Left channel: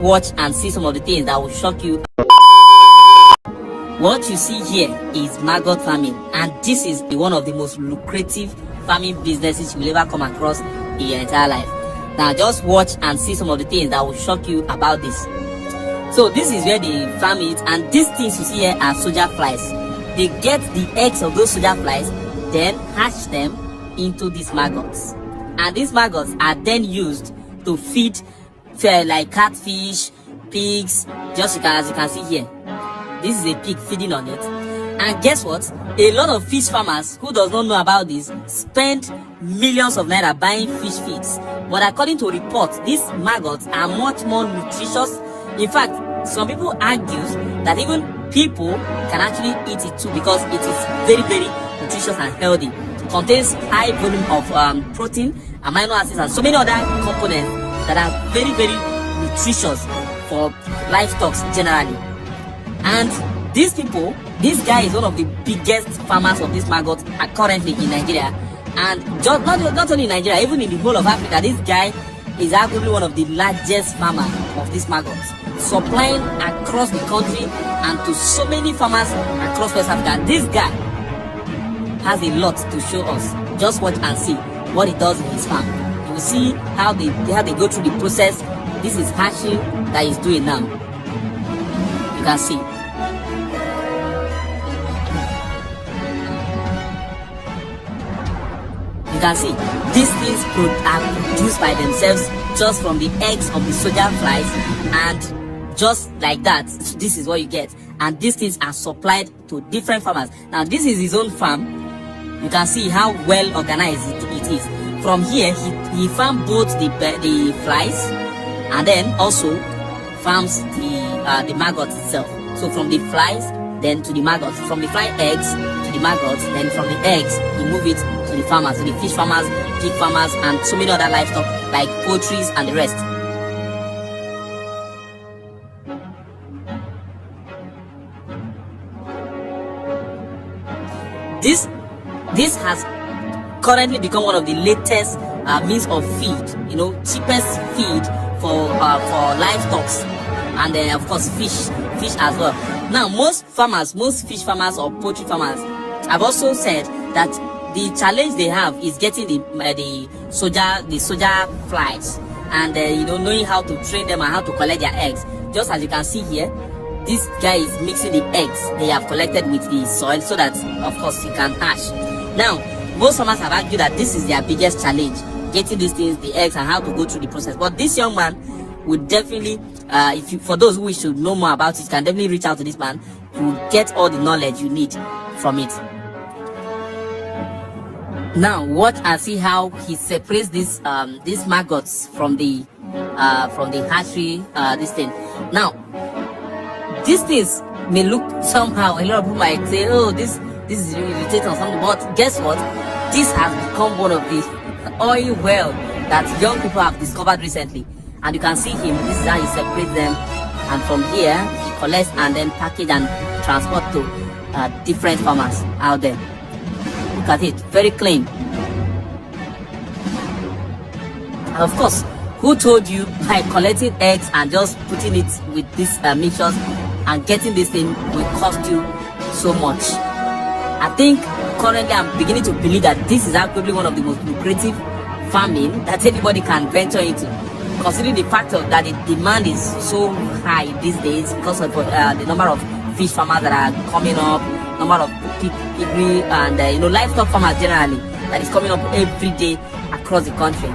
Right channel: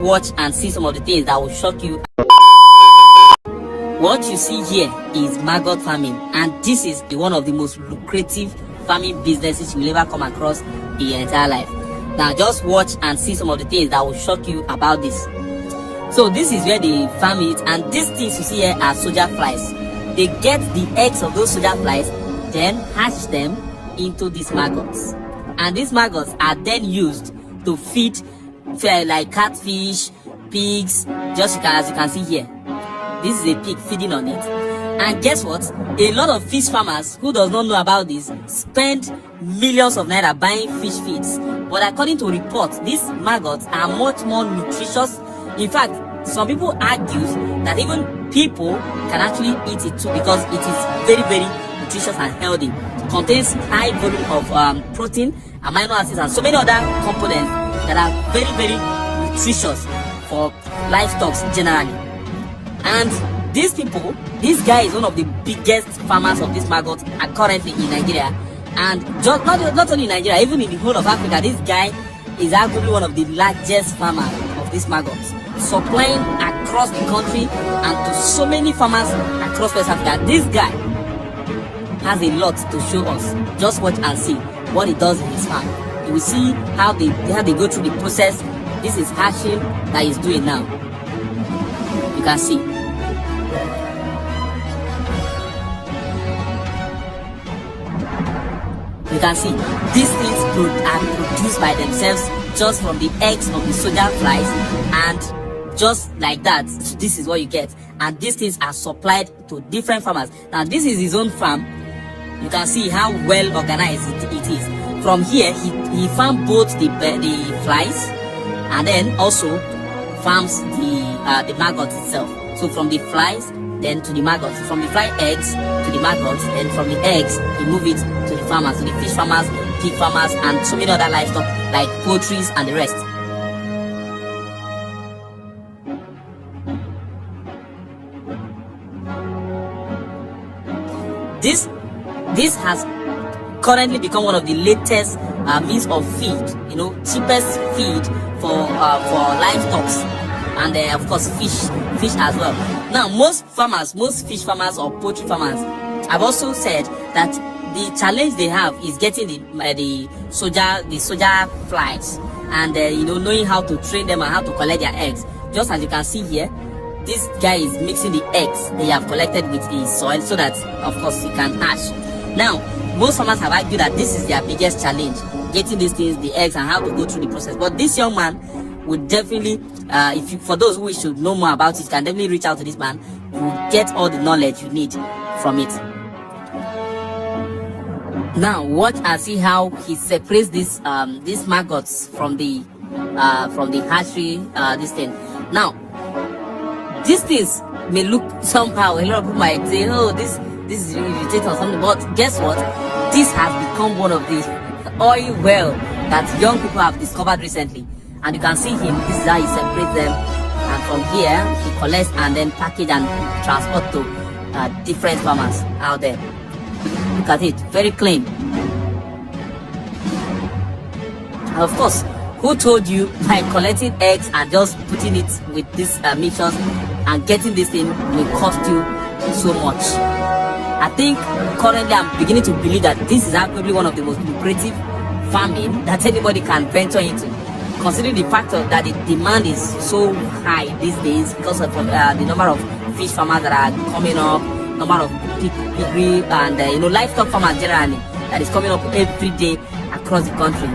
Watch and see some of the things that will shock you. What you see here is maggot farming, and this is one of the most lucrative farming businesses you'll ever come across in your entire life. Now just watch and see some of the things that will shock you about this. So this is where they farm it, and these things you see here are soldier flies. They get the eggs of those soldier flies, then hatch them into these maggots, and these maggots are then used to feed like catfish, pigs. Just as you can see here, this is a pig feeding on it. And guess what? A lot of fish farmers who does not know about this spend millions of naira buying fish feeds. But according to reports, these maggots are much more nutritious. In fact, some people argue that even people can actually eat it too, because it is very, very nutritious and healthy. It contains high volume of protein, amino acids, and so many other components that are very, very nutritious for livestock generally. And these people, this guy is one of the biggest farmers of this maggot currently in Nigeria, and just not only in Nigeria, even in the whole of Africa. This guy is actually one of the largest farmers of these maggots, supplying across the country and to so many farmers across West Africa. This guy has a lot to show us. Just watch and see what he does in his farm. You will see how they go through the process. This is hatching that he's doing now. You can see. You can see these things are produced by themselves just from the eggs of the soldier flies, and just like that, this is what you get. And these things are supplied to different farmers. Now this is his own farm. You can see how well organized it is. From here, he farms both the flies, and then also farms the maggots itself. So from the flies, then to the maggots. From the fly eggs to the maggots, and from the eggs, he move it to the farmers, to the fish farmers, pig farmers, and so many other livestock like poultry and the rest. This has currently become one of the latest means of feed, cheapest feed for livestock, and of course fish as well. Now most fish farmers or poultry farmers have also said that the challenge they have is getting the soldier flies, and knowing how to train them and how to collect their eggs. Just as you can see here, this guy is mixing the eggs they have collected with the soil so that of course it can hatch. Now most farmers have argued that this is their biggest challenge, getting these things, the eggs, and how to go through the process. But this young man would definitely, for those who should know more about it, can definitely reach out to this man. You will get all the knowledge you need from it. Now watch and see how he separates these maggots from the hatchery. This thing. Now these things may look somehow, a lot of people might say, oh, this is really irritating or something, but guess what? This has become one of the oil well that young people have discovered recently. And you can see him, this is how he separates them, and from here he collects and then package and transport to different farmers out there. Look at it, very clean. And of course, who told you by collecting eggs and just putting it with these mixtures and getting this thing will cost you so much? I think currently I'm beginning to believe that this is actually one of the most lucrative farming that anybody can venture into, considering the fact that the demand is so high these days because of the number of fish farmers that are coming up, number of piggery and livestock farmers generally that is coming up every day across the country.